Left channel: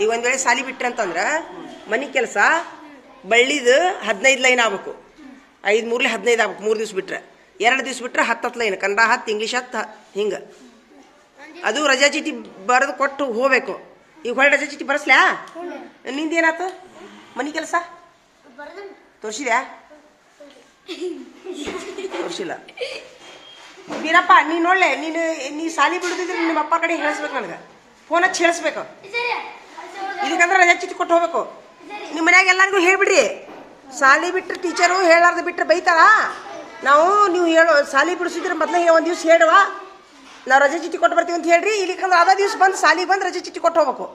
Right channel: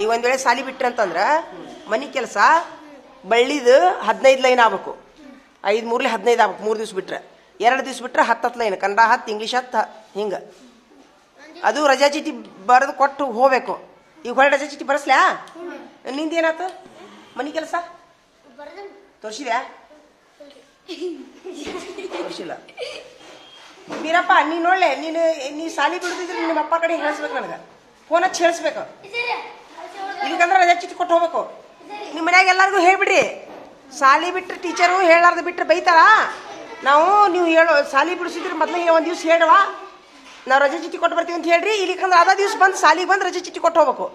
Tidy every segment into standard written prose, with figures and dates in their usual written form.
ಈಗ ಒಂದ್ ವೇಳೆ ಸಾಲಿ ಬಿಟ್ರಿ ಅಂತಂದ್ರ ಮನಿ ಕೆಲಸ ಬಳ್ಳಿದು 15 ಲೈನ್ ಆಗ್ಬೇಕು. 5 3 15 ಆಗ್ಬೇಕು. 3 ದಿವ್ಸ ಬಿಟ್ರೆ 2 ದಿವ್ಸ ಬಿಟ್ರೆ 10 ಲೈನ್. ಕನ್ನಡ 10, ಇಂಗ್ಲೀಷ್ 10 ಹಿಂಗ. ಅದು ರಜಾ ಚೀಟಿ ಬರೆದು ಕೊಟ್ಟು ಹೋಗ್ಬೇಕು. ಈಗ ಹೊಳೆ ರಜಾ ಚೀಟಿ ಬರೆಸ್ಲ್ಯಾ? ನಿಂದೇನಾಯ್ತು ಮನಿ ಕೆಲಸ? ತೋರಿಸಿದ್ಯಾ? ತೋರಿಸಿಲ್ಲ. ವೀರಪ್ಪ ನೀ ನೋಡ್ಲೆ, ನೀ ಸಾಲಿ ಬಿಡುದಿದ್ರೆ ನಿಮ್ಮ ಅಪ್ಪ ಕಡೆ ಹೇಳಿಸ್ಬೇಕು. ನನಗೆ ಫೋನ್ ಹಚ್ಚಿ ಹೇಳಿಸ್ಬೇಕು. ಇದಕ್ಕಂದ್ರೆ ರಜಾ ಚೀಟಿ ಕೊಟ್ಟು ಹೋಗ್ಬೇಕು. ನಿಮ್ಮ ಮನ್ಯಾಗ ಎಲ್ಲರಿಗೂ ಹೇಳ್ಬಿಡ್ರಿ. ಸಾಲಿ ಬಿಟ್ಟರೆ ಟೀಚರು ಹೇಳಾರ್ದು ಬಿಟ್ಟರೆ ಬೈತಾರ. ನೀವು ಹೇಳೋ ಸಾಲಿ ಬಿಡಿಸಿದ್ರೆ ಮೊದಲೇ ಒಂದು ದಿವ್ಸ ಹೇಳುವ, ನಾವು ರಜೆ ಚೀಟಿ ಕೊಟ್ಟು ಬರ್ತೀವಿ ಅಂತ ಹೇಳ್ರಿ. ಇಲ್ಲಿಕಂದ್ರೆ ಅದ ದಿವ್ಸ ಬಂದು ಸಾಲಿಗೆ ಬಂದು ರಜೆ ಚೀಟಿ ಕೊಟ್ಟು ಹೋಗ್ಬೇಕು.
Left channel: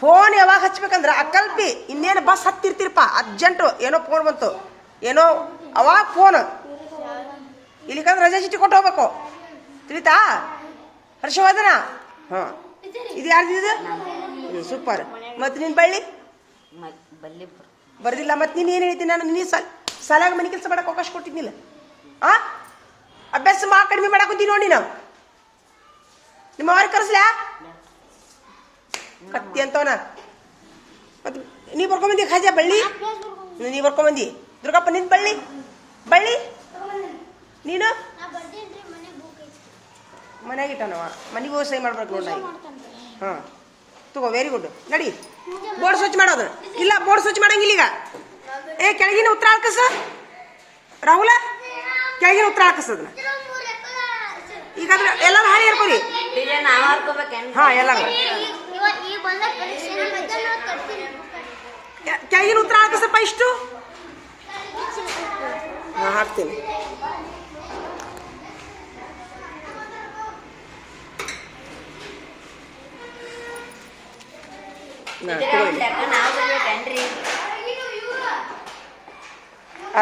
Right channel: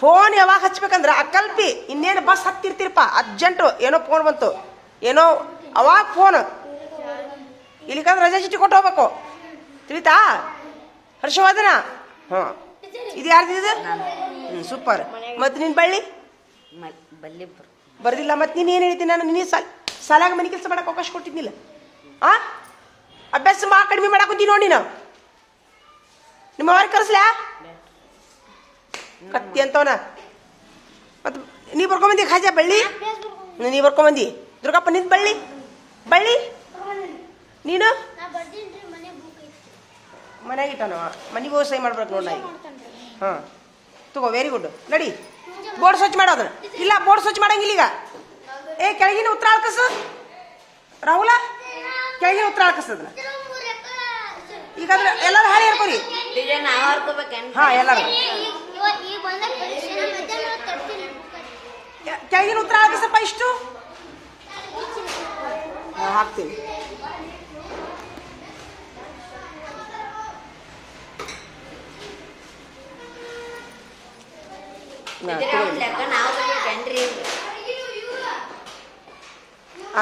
ಫೋನ್ ಯಾವಾಗ ಹಚ್ಬೇಕಂದ್ರೆ ಅಕಲ್ಪಿ ಇನ್ನೇನು ಬಸ್ ಹತ್ತಿರ್ತಿರಪ್ಪ, ಅರ್ಜೆಂಟು ಏನೋ ಫೋನ್ ಬಂತು, ಏನೋ ಅವಾಗ ಫೋನ್. ಇಲ್ಲಿಕಂದ್ರೆ ರಜೆ ಚೀಟಿ ಕೊಟ್ಟು ಹೋಗ್ಬೇಕು. ತಿಳಿತಾ? ಹರ್ಷವರ್ಧನ? ಹಾಂ, ಇದು ಯಾರ್ದಿದೆ? ಸೂಪರ್. ಮತ್ತು ನಿನ್ನ ಬಳ್ಳಿ ಬರ್ದಿಲ್ಲ. ಮತ್ತು ನೀನು ಏನು ಹೇಳ್ತೀನಿ? ನಾನು ನೀನು ಸಾಲಾಗ ಮನೆ ಕೆಲಸ ಮಾಡಕ್ಕೆ ಅವಕಾಶ ಕೊಟ್ಟಿದ್ದಿಲ್ಲ. ಅಭ್ಯಾಸ ಕಡಿಮೆ ಮಾಡಾಕುತ್ತೀನಿ ನೋಡಿ. ನಾವು ನಿಮ್ಮ ಅವ್ರ ಕರೆಸ್ಲಾ ಕತ್ತಿ ಅಂತವನ. ಮತ್ತು ನೀ ಬರ್ಕೊಂಬಂದಿ ಖಾಜಾ ಬಳ್ಳಿ? ನೀ ಬರ್ಕೊಂಬಂದಿ. ದುರ್ಗಪ್ಪ ನಿಂದು ಬಳ್ಳಿ ನೀನು ಮನ್ಯಾಗ ಇಟ್ಟಾನವ. ಮನೆಗೆ ಹೋಗಿ ಸಹಿ ಮಾಡ್ಬೇಕು ನೋಡಿ. ಹಾಂ ತಗೋ, ವೆರಿ ಗುಡ್. ನಡಿ ಬೋರ್ಡ್ ಸ್ವಚ್ಛ ಮಾಡೋದು. ಇಲ್ಲ, ಬೋರ್ಡ್ ಸ್ವಚ್ಛ ಮಾಡಂಗಿಲ್ಲ ಈಗ. ಕೆಳಗಿನ ಉತ್ತರ ಹಾಕಸ ರಾಹುಲ, ಕೆಳಗಿನ ಉತ್ತರ ಹಾಕಸದನ್ನ. ಈಗ ಎಲ್ಲರೂ ಹಾಳಿ ಹೇಳ್ಕೊರಿ. ಹಾಂ, ಎಲ್ಲರೂ ಕೆಳಗಿನ ಉತ್ತರ ಹಾಕಸಪ್ಪ. ಇಷ್ಟು ಹಾಂ ಹಾಕ್ತೀನಿ. ತಗೊಳ್ಳಿ.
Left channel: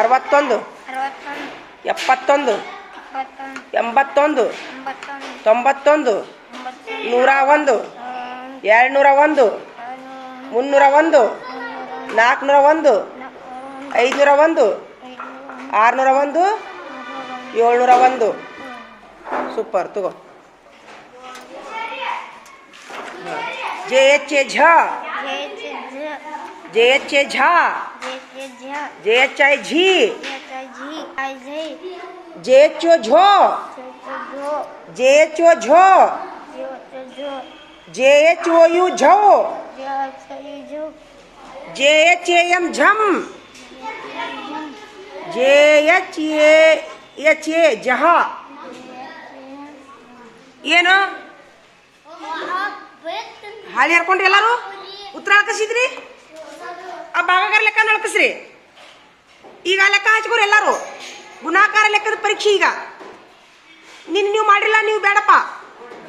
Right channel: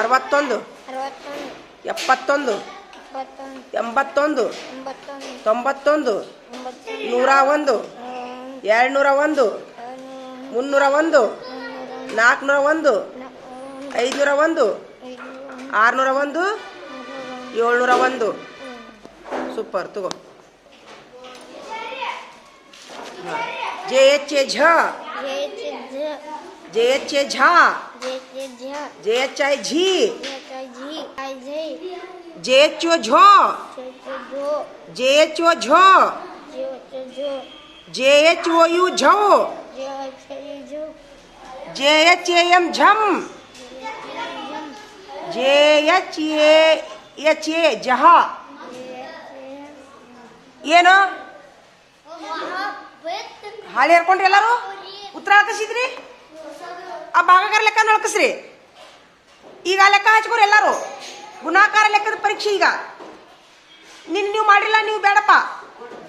61 71 81 91 101 201 301 401 501 601 701. ಸೂಪರ್. ತಗೋ. JH झ, JH झा, JHI झी, JHO झो, JHO झो, JHOU झो, JHAM झम, JHA जहा. ಏನು ಹಾಳಿ ಹರ್ಕೊಂಡ್ರಿ? ಎಲ್ಲರೂ ಉತ್ತರ ಹಾಕಿಸಿದ್ರಿ? ಆ ಭಾಗಾಕಾರ ಲೆಕ್ಕ ನಡ್ಕಸ್ರಿ. ಈಗ ಲೆಕ್ಕ ಹಚ್ಕೋರಿ ಎಲ್ಲರೂ. ಗುಣಾಕಾರ ಲೆಕ್ಕದ ಪರೀಕ್ಷೆ ಈಗ. ನೀವು ಮಾಡಿಲ್ಲ, ನೀವು ಬೇಡಪ್ಪ.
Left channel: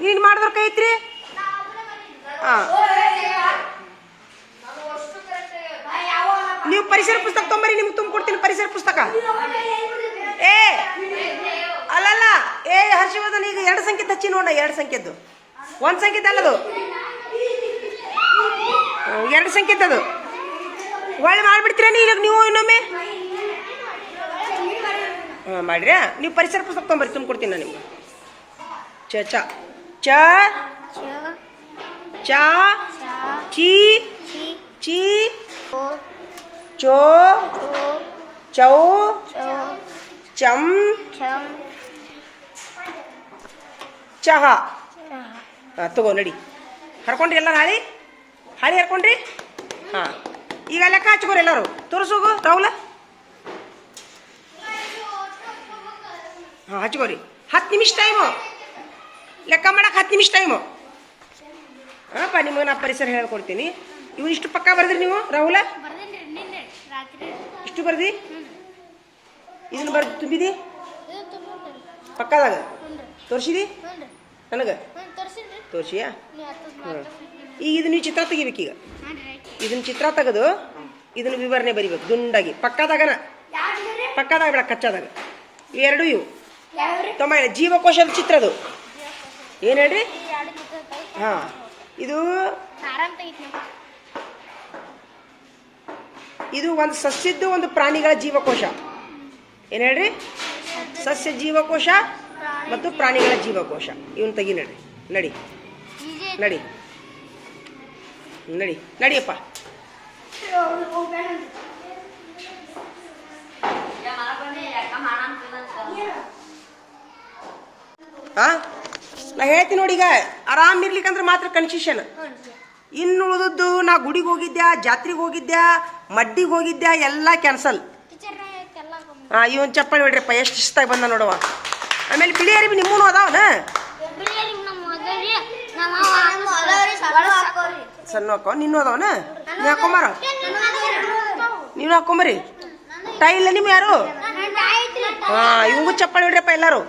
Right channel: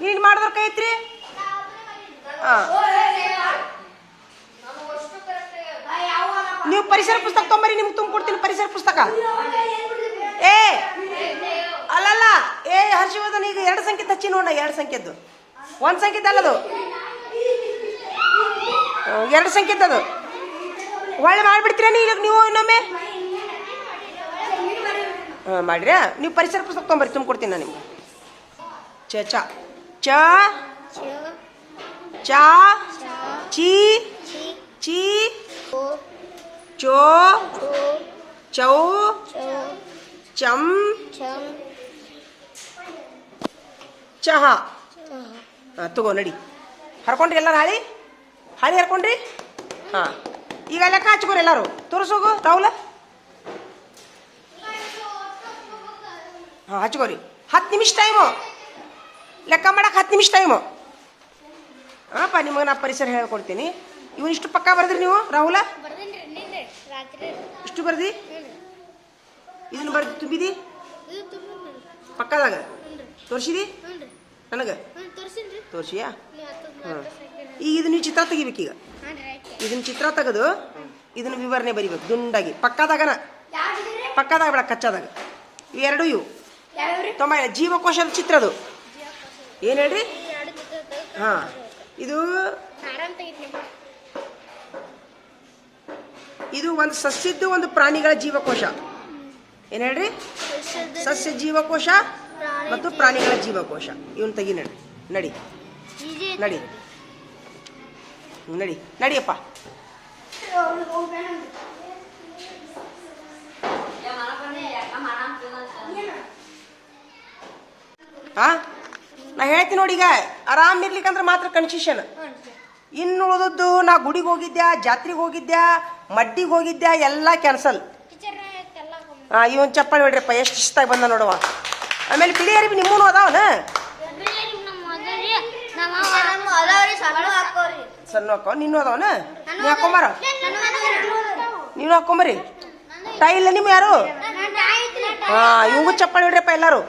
ನೀನು ಮಾಡಿದ್ರ ಕೈ ಐತ್ರಿ. ಹಾಂ, ನೀವು ಪರಿಸರ ಪುಸ್ತಕ ತೊಂಬರಿ, ನಿಮ್ಗೆ ತುಂಬಿಕೊಡ್ತೀನಿ ಪರಿಸರ ಪುಸ್ತಕ. ಅಲ್ಲಲ್ಲ, ಹರ್ಷವರ್ಧನ್ ಈಗ 2 ಸಂಖ್ಯೆ ಹಚ್ಚಿ ನೋಡ. 2 ಸಂಖ್ಯೆದ್ದು, 1 ಸಂಖ್ಯೆದ್ದು ಅಲ್ಲದು, 2 ಸಂಖ್ಯೆದ್ದು. ಹೊಳ್ಳಿ ಮಾಡ್ಬಿಡ್ತೀರ ಈಗ ನೀವು ಇನ್ನೊಮ್ಮೆ? ಹಾಂ ಮಾಡ್ರಿ. ನೀವು ಪರಿಸರ ಪುಸ್ತಕ ತೊಗೊಂಬರ್ರಿ, ತುಂಬಿಕೊಡ್ತೀನಿ ನಾನು ನಿಮ್ಗೆ. ಚ ಚ ಚ ಚ ಚಿ ಚಿ ಚೋ ಚೌ ಚಂ ಚಹ. ತಗೋ ನಡಿ. ಹರ್ಕೊಂಡ್ರಿ ಎಲ್ಲರೂ? ಹಾಳಿ ಹರ್ಕೊಂಡ್ರಿ? ಹಾಂ, ಈಗ ಲೆಕ್ಕ ಹಚ್ಕೋರಿ ಎಲ್ಲರೂ. ತೋರಿಸೋಗು ರಾಹುಲ. ಹಾಂ ಹಚ್ಕೋರಿ. 10 ನಿಮಿಷ ಟೈಮು ಲೆಕ್ಕ ಮಾಡಕ್ಕೆ. 10 ನಿಮಿಷ ಟೈಮು. ಹಾಂಪ್ಪ, ನಿಮಗೆ ನಾ ಪರಿಸರ ಹೇಳ್ಕೊಡ್ತೀನಿ. ಇವು ಇಷ್ಟು ಪಕ್ಕ ಬರ್ದ್ರಿ ನೀವು ರಾಹುಲ? ಇಷ್ಟು ಬರ್ದಿ? ಇದನ್ನು ಬರ್ದು ತುಂಬಿದಿ ಪಕ್ಕದಾಗ? ತೋರಿಸಿದಿ ನನಗೆ? ತೋರಿಸಿಯಾ? ಹಾಂ. ಈಗ ಇದು ನೀವು ಚಿತ್ರ ತೆಗಿಬೇಕೀಗ. ಇದನ್ನ ಚಿತ್ರ ತೆಗೆದು ಇದನ್ನು ವಿವರಣೆ ಬರಿಬೇಕು ದುಂಡಾಗಿ. ಪಕ್ಕದಾಗ ಬೇಡ, ಕಚ್ಚಾದಾಗ. ಇವೆರಡು ಇವು ಜೀವಕೋಶದ ಚಿತ್ರದು. ಏನು ಹೇಳ್ರಿ? ಹಾಂ, ಇದು ಒಂದು ಸಸ್ಯದ್ದು, ಒಂದು ಪ್ರಾಣಿಗಳ ಜೀವಕೋಶ. ಏನು ಹೇಳ್ರಿ? ಸಸ್ಯ ಜೀವಕೋಶ ಮತ್ತು ಪ್ರಾಣಿಗಳ ಜೀವಕೋಶ. ಇವನ್ ತೆಗಿ. ನಡಿ. ನಡಿ ನಡಿಯಪ್ಪ. ಹಾ ನಾ ಹೇಳ್ತೀನಿ ನೋಡಿ, ಈಗ ಆರಾಮ್ ಇರ್ಲಿಕ್ಕಂದ್ರೆ ಮಾತ್ರ ಕನ್ಸೆಷನ್. ಇನ್ನು ಉಳಿದದ್ದು ನಾ ಗುಡಿಗೆ ಹೋಗಿದ್ದೆ, ಜಾತ್ರೆಗೆ ಹೋಗಿದ್ದೆ, ಮಡ್ಡಿಗೆ ಹೋಗಿದ್ದೆ, ಎಲ್ಲ ಕ್ಯಾನ್ಸಲ್. ಇವನ್ ಚಪ್ಪಲಿ ಹೊಡ್ರಿಪ್ಪ, ಎಷ್ಟು ಶಿಸ್ತಾಗಿ ಬಂದ ನೋಡುವ. ಆಮೇಲೆ ಬಿಳಿ ಅರಿವಿ ನಿಮ್ಮೂ ಅದಾವನ ಸಣ್ಣ ಹಾಕೋ, ನಿನ್ನೂ ಅದಾವನ, ನೀ ಹಾಕೊಂಬಾರ, ನೀನು ಹಾಕೊಂಬರಿ. ಟೈ ಇಲ್ಲ ನಿಮ್ಮ ಯಾರು? ಹಾ ಇವಂಗೂ ಚಪ್ಪಲಿ ಹೊಡ್ರಿಪ್ಪ ಎಲ್ಲಾರು,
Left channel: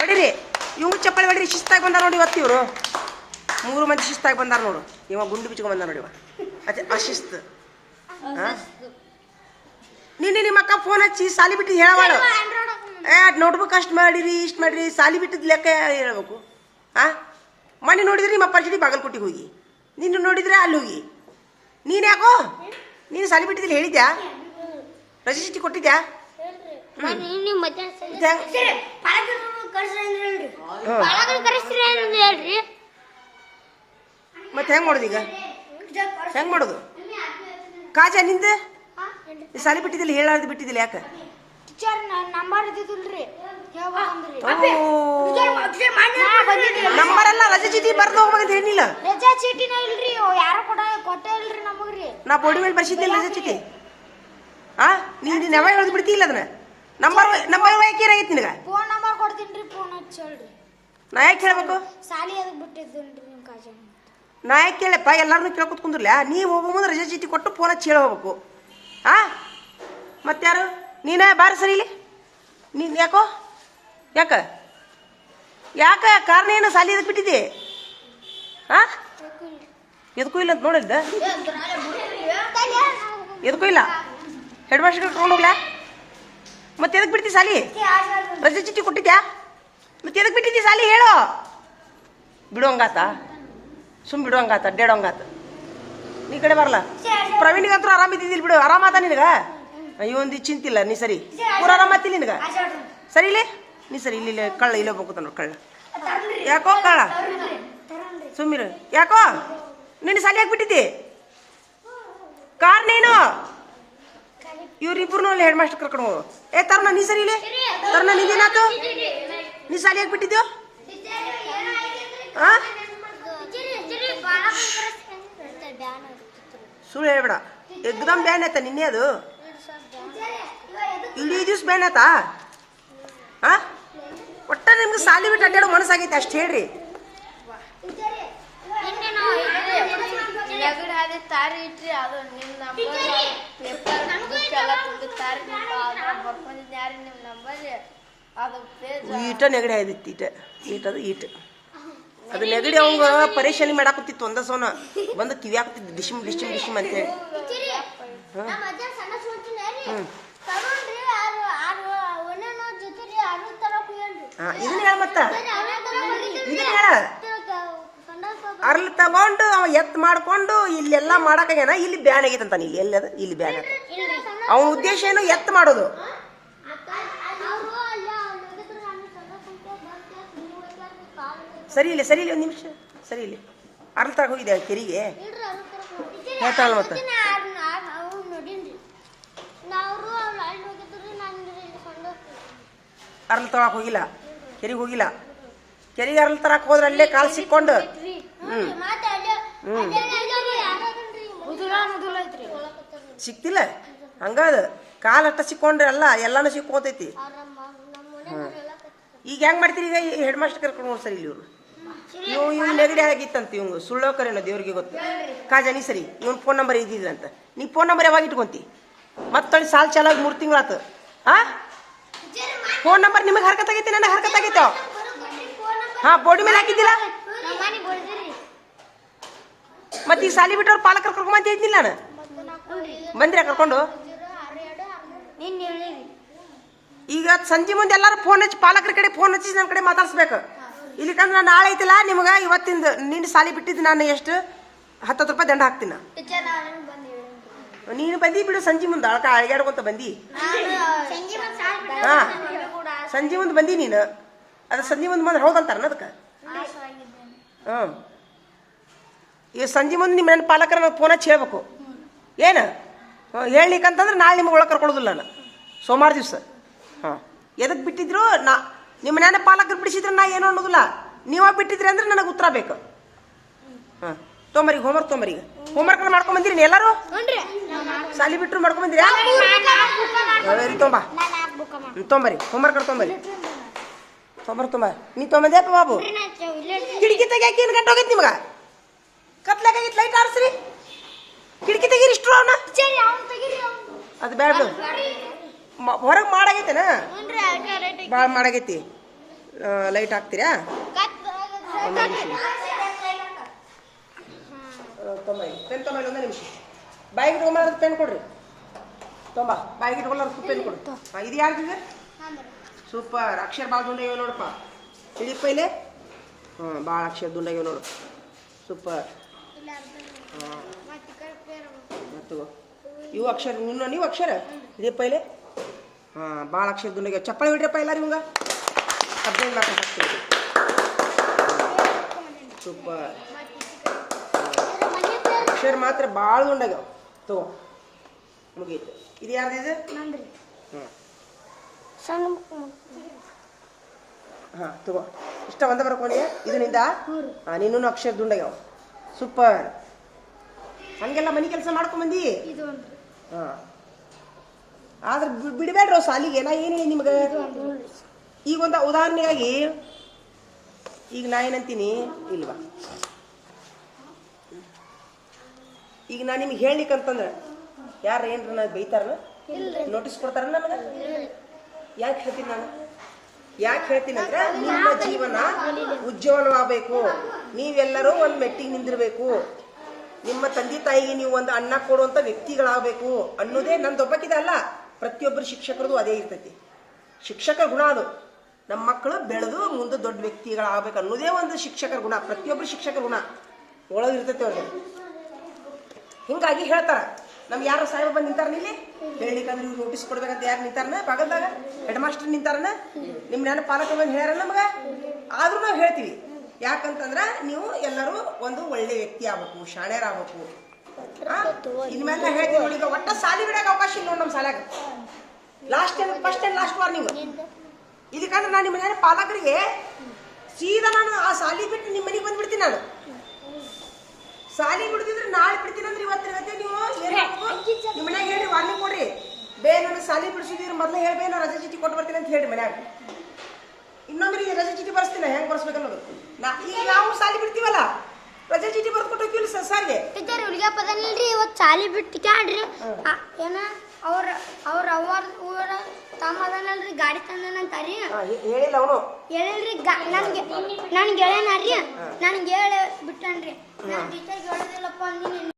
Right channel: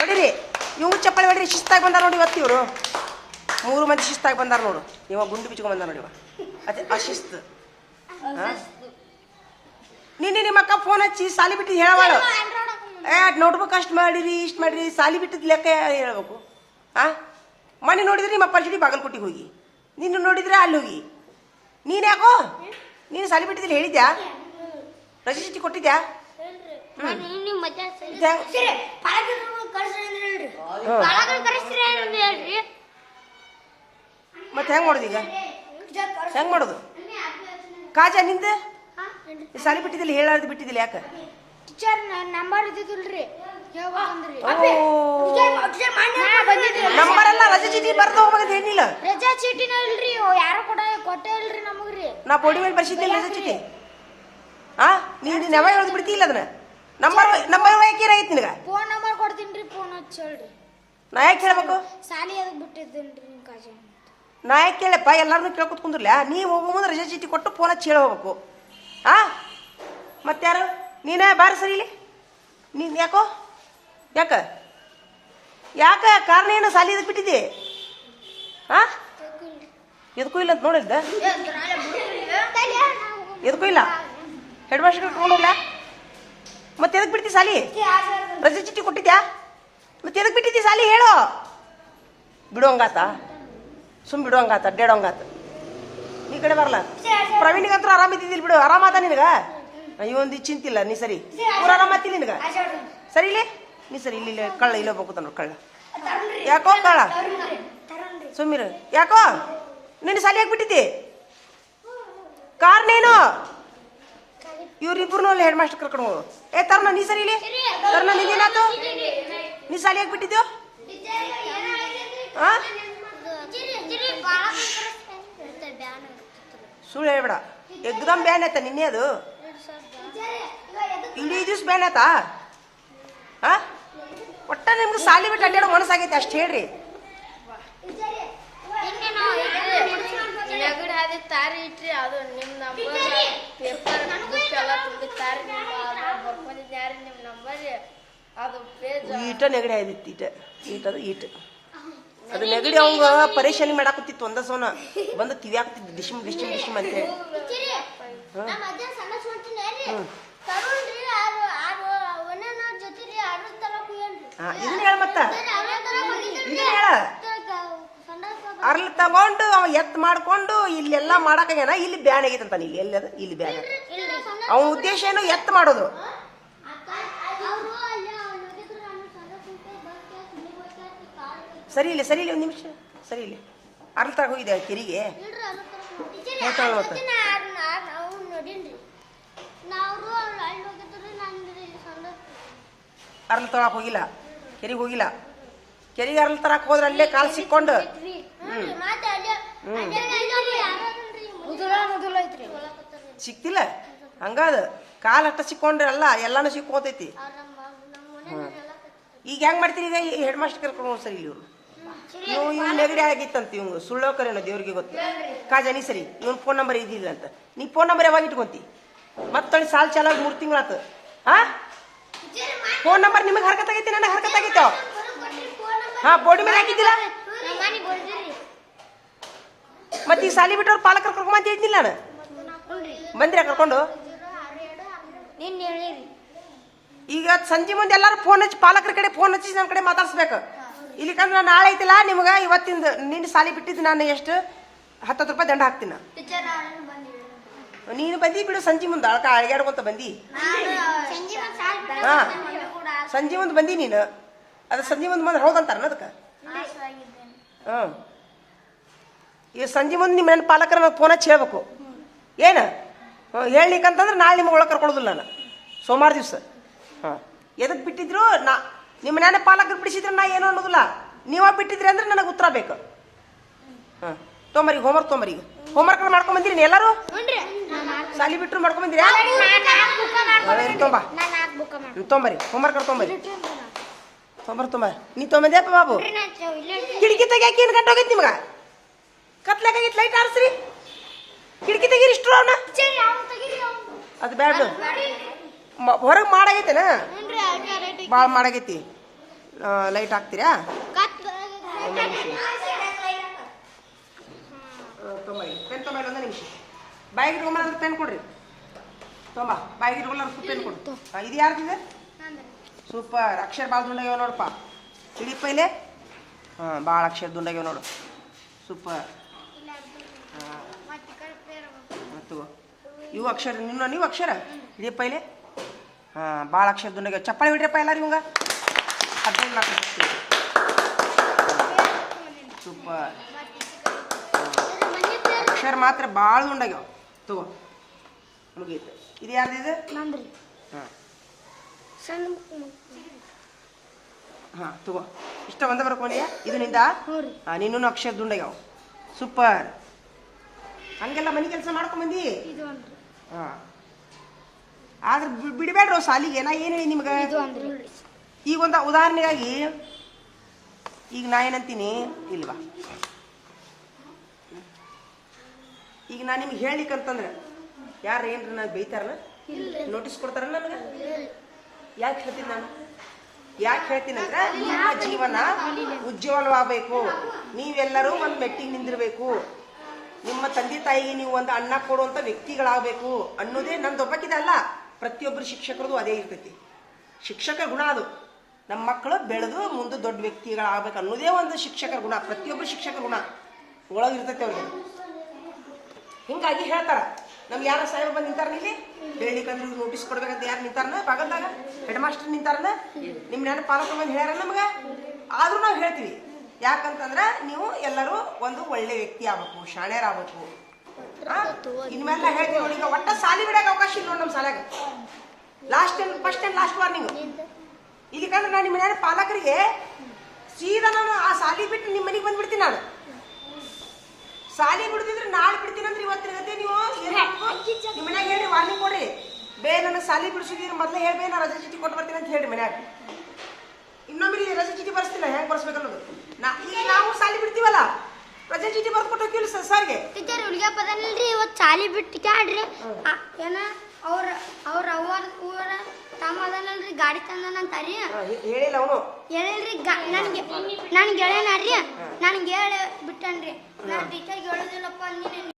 ಹೊಡಿರಿ ಇವಂಗೂ ಚಪ್ಪಲಿ ಹೊಡ್ರಿ. ಶಿಸ್ತಾಗಿ ಬಂದಾರ ನೋಡಿ ಇವತ್ತು ಇವರು 3 ಮಂದಿ ಶಿಸ್ತಾಗಿ ಬಂದಾರ ನೋಡು. ಇವಾಗ ಗುಂಡು ಬಿಚ್ಕೊಂಡ್ ಬಂದ ನೋಡಿ ಇವ, ಅದೇ ಅಶಿಸ್ತು. ನಿನ್ನೆ ನಿಮ್ಮ ಅಕ್ಕ ಫೋನ್ ಹಚ್ಚಿ ಸಾಲಿ ಬಿಟ್ಟಿದ್ದು ಹೇಳವಾಳು. ನೋಟ್ಬುಕ್ ಅಷ್ಟು ಮಾಡಿರಿ, ಇಷ್ಟು ಮಾಡಿರಿ, ಸಾಲಿ ಬಿಟ್ಟಿದ್ದು ಲೆಕ್ಕ ಹೇಳ್ಬೇಕು. ಮನೆ ನೋಡಿದ್ರೆ ನಿಮ್ಮ ಅಪ್ಪ ಜೊತೆ ಬಾಗಲಕೋಟೆಗೆ ಹೋಗಿ, ನಿನ್ನ ನೋಡಿದ್ರೆ ಅಲ್ಲಿ ಹೋಗಿ. ನೀನು ಯಾಕೋ ನೀನು ಸಾಲಿ ಬಿಟ್ಟಿದ್ದಿಲ್ಲ ಹೇಳಿದ್ಯಾ? ರಜೆ ಚೀಟಿ ಕೊಟ್ಟಿದ್ಯಾ? ಮತ್ತೆ ಹೆಂಗ್ ಮಾಡೋದು ಈಗ? ಹೆಂಗ್ ಮಾಡೋದು? ಕಾಜಾ ನಿಂದ ಸಾಲಿ ಬಿಟ್ಟಿದ್ದಿಲ್ಲ, ಹೇಳಾರ್ದು ಬಿಟ್ಟಿದ್ದಿಲ್ಲ ಯಾಕೆ? ನಂಬರ್ ಅಲ್ಲ, ರಜೆ ಚೀಟಿ ಬರ್ದು ಹೋಗ್ಬೇಕಂತ ಹೇಳಿಲ್ಲ. ರಜಾ ಚೀಟಿನ ಇಲ್ರಿ, ಯಾರು ಕೊಟ್ಟೆ ಇಲ್ರಿ ನಮಗ್ರಿ. ನಾ ಬೋಡಿ ಮೇಲೆ ಬರ್ಸಿದ್ದಿಲ್ಲ ರಜೆ ಚೀಟಿ. ನೀನು ನೆವ ಹೇಳ್ದು ಬಿಡ್ತಿಲ್ಲ ಅದನ್ನ. ನಂಬರ್ ಯಾಕೆ ಏನಾಗೈತಿ ನಿನಗ? ಫೋನ್ ನಂಬರ್ ಕೊಡ್ತೀನಿ, ಫೋನ್ ಹಚ್ಚಿ ಹೇಳ್ರಿ. ನಾ ಯಾಕೆ ಹೇಳ್ಬೇಕು? ಸಾಲಿ ಅದಕ್ಕೆ ಬಿಟ್ಟಿದ್ದೇನ್ರಿ ನಿಮ್ ಕಾಜ. ನಾ ಯಾಕೆ ಕೇಳಪ್ಪ, ಎಲ್ಲಾರನ್ನೂ ಕೇಳ್ಕೊತ್ ಕುಂದ್ರಲ್ಲ. ನೀವು ಹೋಗೋ ಮುಂದೆ ರಜೆ ಚೀಟಿ ಕೊಟ್ಟು ಫೋನ್ ಹಚ್ಚಿ ಹೇಳಿ ಹೋಗ್ಬೇಕು. ಮತ್ತಾರು ನೀನೇ ಬಾರ ಸರಿ ಇಲ್ಲಿ. ನೀನು ಯಾಕೋ ಯಾಕ ಕಾರಣ ಏನು? ಸಾಲಿ ಇದಕ್ಕೆ ಬಿಟ್ಟಿದ್ದಿ? ಎದಕ್ಕೂ ಇಲ್ಲ ಅಂತ ನೋಡಿದ್ದ? ಎದಕ್ಕೂ ಇಲ್ಲ. ಹೆಡ್ ಮಾಸ್ಟರ್ ಕರ್ಕೊಂಡು ಹೋಗ್ಲಾ? ಮತ್ತೆ ಎದಕ್ಕೆ ಬಿಡ್ತಿ ಸಾಲಿ? ರಜೆ ಚೀಟಿ ಕೊಟ್ಟಿದ್ಯಾ? ಮತ್ತೆ ಎದಕ್ಕೆ ಬಿಟ್ಟಿದ್ದಿ ಸಾಲಿ ಹೇಳು. ಬಿಡುವಂಗಾತ, ಬಿಡುವಂಗಾತ, ಅಡ್ಡಾಡೋಂಗಾತ. ನೀ ಕಡೆ ಬರಲ್ಲ. ಪ್ರವೀಣಿಗಂತೂ ಆರಾಮಿದ್ದಿದ್ದಿಲ್ಲ ಬಿಡು, ಆರಾಮಾತ ನಿನಗ. ಇವೊಂದು ಚಿಂತಿಲ್ಲ. ನೀ ಸರಿ ಪೂರ ಆರಾಮತ್ತಿಲ್ಲ ನಿನಗ? ಸರಿ ಇಲ್ಲೇ ನೀ ಸರಿ ಇಲ್ಲಿ ಕಳ್ಳ ಇಲ್ಲ ಹೋಗ್ತಾನ ನೋಡಿ ಕಳ್ಳ. ಯಾಕೋ ಕಳ್ಳ ಸುಮ್ಮಿರು. ಯಾಕೋ ನಿನ್ನ ಸಾಲಿ ಯಾಕೆ ಬಿಟ್ಟಿದ್ದಿ? ಕಾರಣ ಏನು? ಇವ್ರಿಬ್ರು ಹೆಡ್ ಮಾಸ್ಟರ್ ಕರ್ಕೊಂಡು ಹೋಗು. ತರುಣ ನೀ ಸರಿ ಇಲ್ಲಿ. ತರುಣ ನಿಂದೇನಾತು? ನೀ ಸಾಲಿ ಯಾಕೆ ಬಿಟ್ಟಿದ್ಯೋ? ಸುಳ್ಳು ಹೇಳ್ಬೇಡ. ಎಕ್ದಮ್ ಬ್ಯಾನ್ ಆಯ್ತಾ ನಿನ್ನೆ? ಅದು ಇಡೀ ದಿವ್ಸ ಬ್ಯಾನ್ ಆಯ್ತಾ? ಒಟ್ಟ ನಿಮ್ಗೆ ಸಾಲಿ ಬಿಟ್ಟು ಅಡ್ಡಾಡೋ ಮನಸ್ಸಾಗೈತೆ ಅಷ್ಟು ಹೇಳ್ರಿ. ಈಟ ನೆಗಡಿ ಆಯ್ದಿತ್ತು. ಈಟದು ಅದು ನೆಗಡಿ ಅವಂಗ ಪರೇಶಾನಿ ಮಾಡಾಕತ್ತಿತ್ತು. ಒಂದ ಸೋನ ಬಂದು ಕಿವಿಯಾಕತ್ತಿದ್ದು ಡಿಶಿಮ್ ಅಂತೇಳಿ. ಇದನ್ನ ಹೇಳ ಮತ್ತ, ಇದನ್ನ ಹೇಳ. ಅರ್ಲ್ ತಗೊಂಡು ಅವ ಎತ್ ಮಾಡ್ಕೊಂಡು ಇಲ್ಲೆಲ್ಲ ಮಾಡಾಕೇನ. ಇಲ್ಲಿ ಬ್ಯಾನ್ ಆಗೈತಂತ. ಇಲ್ಲಿ ಎಲ್ಲದ ಇಲ್ಲಿ ಬ್ಯಾನ್ ಆಗ. ಅವನ ಉದ್ದೇಶ ಏನು? ಎತ್ ಮಾಡೋದು. ಸರಿ ಇಲ್ಲ ಒಂದು ನಿಮಿಷ. ಸರಿ ಇಲ್ಲಿ ಅರ್ಲ್ ತಗ ಹೋಗಿದೆ ಕೆರಿಗೆ ಹೇಳ್ತಾಳ. ಮತ್ತೆ ಅರ್ಲ್ ತಗೊಳಕ್ ಹೋಗಿಲ್ಲ, ಕೆರಿಗೆ ಹೋಗಿಲ್ಲ. ಕೆರಿಗೆ ಅರ್ಲ್ ತರಕ್ ಹೋದ್ರೆ ಅಲ್ಲೇ ಕಾಲ್ ಸಿಕ್ಕೊಂಡು ಸಿಕ್ತಿಲ್ಲ. ಹಂಗದ ಕಾಲ್ ಅಟ್ಟ ಸಿಕ್ಕೊಂಡ್ರೆ ಎಲ್ಲಾನು ಸಿಕ್ಕೋತೈತಿ. ಈಗ ಹೆಂಗ್ ಮಾಡ್ತೀರಿ? ಈಗ ಹೆಡ್ ಮಾಸ್ಟರ್ ಕರ್ಕೊಂಡು ಹೋಗಿ ಸರಿ ಇಲ್ಲಿ. ಇವ್ ನೆಗಡಿ ಆಗಿತ್ತಂತ. ಇವಂಗ ಸುಳ್ಳೋ ಕರೇನೋ ದೇವ್ರಿಗೆ ಗೊತ್ತು. ಕಾಜಾ ನೀ ಸರಿ, ಇವನ್ ಫೋನ್ ನಂಬರ್ ಇದ್ದಿಲ್ಲ ಅಂತ. ನೀ ಫೋನ್ ನಂಬರ್ ಯಾವಾಗ ಇಟ್ಕೊಂತಿ? ಮತ್ತೊಂದು ಸಾಲ್ ಚಾಲಾಗಿ 3 ತಿಂಗಳಾತು. ಫೋನ್ ನಂಬರ್ ನಿಮಗೆ ಹರ್ಕತ್ ಆಗೈತಿ, ನನಗೆ ಹರ್ಕತ್ ಆಗೈತೋ? ಬೋರ್ಡ್ ಮೇಲೆ ಹಾಕಿದ್ದಿಲ್ಲ. ಮತ್ತೆ ಈ ಸಾಲಿ ಬಿಟ್ಟವ್ರು ಪಾಲಕರು ಕರ್ಕೊಂಬಂತ ಹೇಳ್ತಿಲ್ಲ ನಾನು. ಬಂದ್ರಿ ಕರ್ಕೊಂಡು? ಈಗ ಸಂಜೆ ಮುಂದೆ ಎಲ್ಲಾರು ಫೋನ್ ಹಚ್ಚಿ, ಪಾಲಕರ ಕಡೆ ಫೋನ್ ಹಚ್ಚಿ ನನ್ನ ಕಡೆ ಮಾತಾಡ್ಸ್ಬೇಕು. ಇಲ್ಲಿಕಂದ್ರೆ ನಾನು ನಾಳೆ ಐತಿಲ್ಲ ನಿಮ್ಗೆ ಇವತ್ತಿಂದ ನಿನ್ನ ಸಾಲಿ ಬಿಟ್ಟಿದ್ದು ನಾನು ಎಷ್ಟು 10 ರೂಪಾಯಿ ದಂಡ ಹಾಕ್ತೀನಿ. ನೀನು ಬಂದಿ ಬಿಡು. ಸಂಜೆ ಮುಂದೆ ಅಳಕ ಅಳಗಾಡ್ಕೊಂತ ಬಂದಿ. ಸಂಜೆ ಮುಂದೆ ಬಂದಿ ನೀನು. ಅದು ಸಂಜೆ ಮುಂದೆ ಬಂದ್ರೆ ಹೌದಂತಾರ ಅದಕ್ಕೆ. ಈ ಸಂಜೆ ಮುಂದೆ ನಿಮ್ಮ ಮನೆ ಪಾಲಕರ ನಾನು ಫೋನ್ ಹಚ್ಚಿ ಹೇಳ್ಬೇಕು ಏನು ಹೇಳಲಿಕ್ಕಂತಂದ್ರೆ ನಾಳೆ ನಿಮ್ಗೆ ಒಳಗೆ ಕರ್ಕೊಳ್ಳೋದಿಲ್ಲ ನಾನು ಸೋಮವಾರ ದಿವಸ ಹಾಂ ಎದಕ್ಕೆ ಬಿಟ್ಟಿದ್ರು ನಿಮ್ಮ ಮನೆ ಪಾಲಕರು ಬಿಡಿಸಿದ್ರೆ ನಾ ಏನೋ ಅನ್ನೋದಿಲ್ಲ ನೀವ ಬಿಟ್ಟಿದ್ರಿ ಅಂದ್ರೆ ನನಗೆ ಉತ್ತರ ಬೇಕು ಹಾಂ ತೊಂಬರಿ ಹೋಮ್ವರ್ಕ್ ತೊಂಬರಿ ಹೋಮ್ವರ್ಕ್ ಮಾಡ್ಕೊಂಬಂದಿರಿ ಎಲ್ಲರೂ ಸಾಲಿ ಬಿಟ್ಟರು ಮಾಡ್ಕೊಂಬಂದಿರಿ ತೊಂಬ ತೊಂಬರಿ ಹೋಮ್ವರ್ಕ್ ತೊಂಬರಿ ನೀ ತೊಂಬಂದ್ಯಪ್ಪ ಬಾಬು ಕಿಟಕಿ ತೆಗಿಯಾಕೆ ಏನು ಗಂಟೆ ಹೋಗೈತಿ ನಿಮ್ಗೆ ಕತ್ಲಾಕಾಗಿತ್ತು ಲೈಟ್ ಆರಿಸ್ರಿ ಕಿಟಕಿ ತೆಗೀರಿ ಇಷ್ಟು ಅವನ ಅದು ಬೇಡ ಹೊರಗೆ ಮಾಡಾಗೈತೆನ ಭಾಳ ಮಾಡಾಗೈತಿ ಲೈಟ್ ಹಾಕ್ತೀರಾ ಪೆನ್ ತೊಂಬೈಲಿ ಒಂದು ನಿಮಿಷ ಬಾಯಿಗೆ ಇಟ್ಕೊಂಬಂದ್ರೆ ಪೆನ್ ಕೊಡ್ರಿ ತೊಂಬ ಬಾಯಿಗೆ ಇಟ್ಕೊಳ್ಳೋರು ಪೆನ್ ಕೊಡು ಇದು ಯಾರ್ದಿದೆ ಸೂಪರ್ ಅಕ್ಷರ ಭಾಳ ದುಂಡಾಗ್ಯಾವ ನೋಡಪ್ಪ ಹಿಡಿಯಪ್ಪ ಇಲ್ಲಿ ಹಾಂ ಭಾಳ ಅಕ್ಷರ ದುಂಡಾಗ್ಯಾವ ನೋಡು ಸೂಪರ್ ಹಾಂ ಮತ್ತು ಇವು ಅಕ್ಷರ ನೀವು ಅಕ್ಷರ ಹಿಡಿಯಪ್ಪ ಇಲ್ಲಿ ಹಾಂ ಭಾಳ ಅಕ್ಷರ ದುಂಡಾಗ್ಯಾವ ಚಪ್ಪಾಳೆ ಹಿಡಿಯಪ್ಪ ಎಲ್ಲ ನಿಮ್ಗೆ 15 ಮಾಡ್ಕೊಂಡು ಸೂಪರ್ ಅಕ್ಷರ ಮಾತ್ರ ಭಾಳ ದುಂಡಾಗ್ಯಾವ ತಗೋ ಮುಗೀತು ಇದು ಯಾರ್ದಿದೆ ಹಾಂ ಹಾಂ ತಗೋ ಇಷ್ಟ ಒಂದ ಬರ್ಕೊಂಡಿಯ ಇದು ನಿಂದ ಹಾಂ ನಿನ್ನೂ ಅಕ್ಷರ ದುಂಡಾಗ್ಯಾವ ಸೂಪರ್ ಹಂಗೆಲ್ಲ ಮನೆ ಕೆಲಸ ಮಾಡ್ಕೊಂಬಂದಿ ಹಾಂ ಆದ್ರೆ ಬಿಡಬೇಡ್ರು ಸಾಲಿಗೆ ನಾ ಏನು ಹೇಳಿ ನಿಮ್ಗೆ ಈಗ ಒಂದು ಉದಾಹರಣೆಯಾಗಿ ಈಗ ನಾ ಏನಂತೀನಿ ಇಲ್ವಾ ಈಗ ನಾ ನಿಮ್ಗೆ ಹೇಳಲಿಕ್ಕಂತಂದ್ರೆ ಯಾರು ಏನ್ರ ನಾ ಬೈತಾರ ನೋಟಿಸ್ ಕೊಡ್ತಾರ ನನಗೆ ಯಾಕೆ ಹೇಳ್ತೀನಿ ನಾನು ಯಾಕೆ ಹೇಳ್ತೀನಂದ್ರೆ ನಿಮ್ಮ ಜೀವನ ಉಜ್ವಲವಾಗಬೇಕು ನೀವೆಲ್ಲರೂ ಒಂದು ಮೆಟ್ಟಿಗೆ ನಿಂದಿರಬೇಕು ನಿಮ್ಮ ತಂದೆ ತಾಯಿಗೆ ನೀವು ಒಂದು ಅನ್ನ ಕೊಡುವಂಥ ವ್ಯಕ್ತಿಗಳಾಗಬೇಕು ಅನ್ನೋದೇ ನಂದೊಬ್ಬಕ್ಕಿದೆ ಅಲ್ಲ ಪ್ರತಿಯೊಬ್ಬರು ಶಿಕ್ಷಕರದು ಅದೇ ಇರ್ತೈತಿ ಶಿಕ್ಷಕ ಗುಣ ಅದು ನಮ್ಮ ಮಕ್ಕಳು ಬೆಳೆದು ಮುಂದೆ ದೊಡ್ಡ ವ್ಯಕ್ತಿಗಳಾಗಬೇಕು ಅನ್ನೋದೇ ಒಂದು ಶಿಕ್ಷಕರ ಗುಣ ಪ್ರತಿಯೊಬ್ಬರು ಶಿಕ್ಷಕರ ಗುಣ ಒಳಗಿರ್ತೈತಿ ಅವ್ರಿಗೆ ಹಿಂಗಾಗಿ ಹೇಳ್ತಾರ ನಮ್ಗೆ ಯಾರು ಸಾಹೇಬ ಬಂದು ನಿಂತಾರ ಇಲ್ಲಿ ಹೇಳಿಕಂದ್ರೆ ನೋಟಿಸ್ ಕೊಡ್ಬೇಕಂತ ಯಾರು ನಿಂತಾರನ ಬಾಗಲ್ದಾಗ ಹೆಡ್ ಮಾಸ್ಟರ್ ನಿಂತಾರನ ನಿಮ್ಮ ನನ್ನ ಪಾಲಕ ಬಂದು ಹೇಳ್ಯಾರ ನಮ್ಗೆ ಆದ್ರೂ ನಾವು ಹೇಳ್ತೀವಿ ಯಾಕಂತಂದ್ರೆ ನೀವು ಎಲ್ಲರೂ ಒಂದು ಒಳ್ಳೆ ವ್ಯಕ್ತಿ ಆಗ್ಬೇಕು ಶಾಣ್ಯರಾಗಬೇಕು ಇನ್ಮೇಲೆ ಹೇಳ್ತೀವಿ ನೋಡಿ ಈಗ ಒಟ್ಟ ಸಾಲಿ ಬಿಡಕ್ಕೆ ಅವಕಾಶ ಇಲ್ಲ ನೋಡಿ ನಮ್ಮ ಶಾಲ್ಯಾಗ ಫಸ್ಟ್ ಅಂಡ್ ಲಾಸ್ಟ್ ವಾರ್ನಿಂಗ್ ಇಲ್ಲಿಕಂದ್ರೆ ನಾನು ನಿಮ್ಮ ಮನೆ ಪಾಲಕರಿಗೆ ಸೀದಾ ನಾನು ಆ ಸಾಲಿ ಬಿಟ್ಟು ನಿಮ್ಮ ಮನೆಗೆ ಬಂದ್ಬಿಡ್ತೀನಿ ನಾನು ಸಾಲಿ ಬಿಡ್ತಿದ್ರೆ ನಾಳೆ ಬಿಡ್ತೀನಿ ಅಂದ್ರೆ ಇವತ್ತಿನ ನೀವು ನಿಮ್ಮ ಮನ್ಯಾಗ ಹೇಳಿ ವಾರ್ನಿಂಗ್ ಕೊಡ್ರಿ ನನ್ನ ಸಾಲಿ ಬಿಡಿಸಿದ್ರೆ ಮೊದಲು ಹೇಳ್ಬೇ ನಾ ರಜೆ ಚೀಟಿ ಕೊಟ್ಟು ಬರ್ತೀನಿ ಅಂತ ಹೇಳಿ ಮನ್ಯಾಗ ಇನ್ನೊಮ್ಮೆ ರಜೆ ಚೀಟಿ ಬರ್ಸ್ತಿಲ್ಲ ಹೆಂಗ್ ಬರ್ಸ್ಬೇಕನ್ನೋದು ಈಗ ನಾವು ಸಾಲಿ ಬಿಡ್ತೀವಲ್ಲ ರಜೆ ಚೀಟಿ ಬರ್ದು ಕೊಟ್ಟು ಹೋಗಿಲ್ಲ ಸರ್ಗೆ ಹುಡುಗ ಪದಲ್ರಿ ಇವತ್ತು ಸಾಲಿ ಬಿಟ್ಟು ಕ್ಯಾಡ್ರಿ ಏನ ಅವ್ರ ಊರ ತಮ್ಮ ಅದನಲ್ರಿ ಗಾಡಿ ತಂದನಂತಾರಿ ಹೇಳಿಲ್ಲ ಅವನು ಹೇಳಿಲ್ರಿ ನನ್ಗೆ ಹೇಳ್ಯಾನಾರಿ ನನ್ಗೆ ಹೇಳಿ ಬಿಟ್ಟನ್ರಿ ನಾನು ಹೇಳೋದಿಲ್ಲಪ್ಪ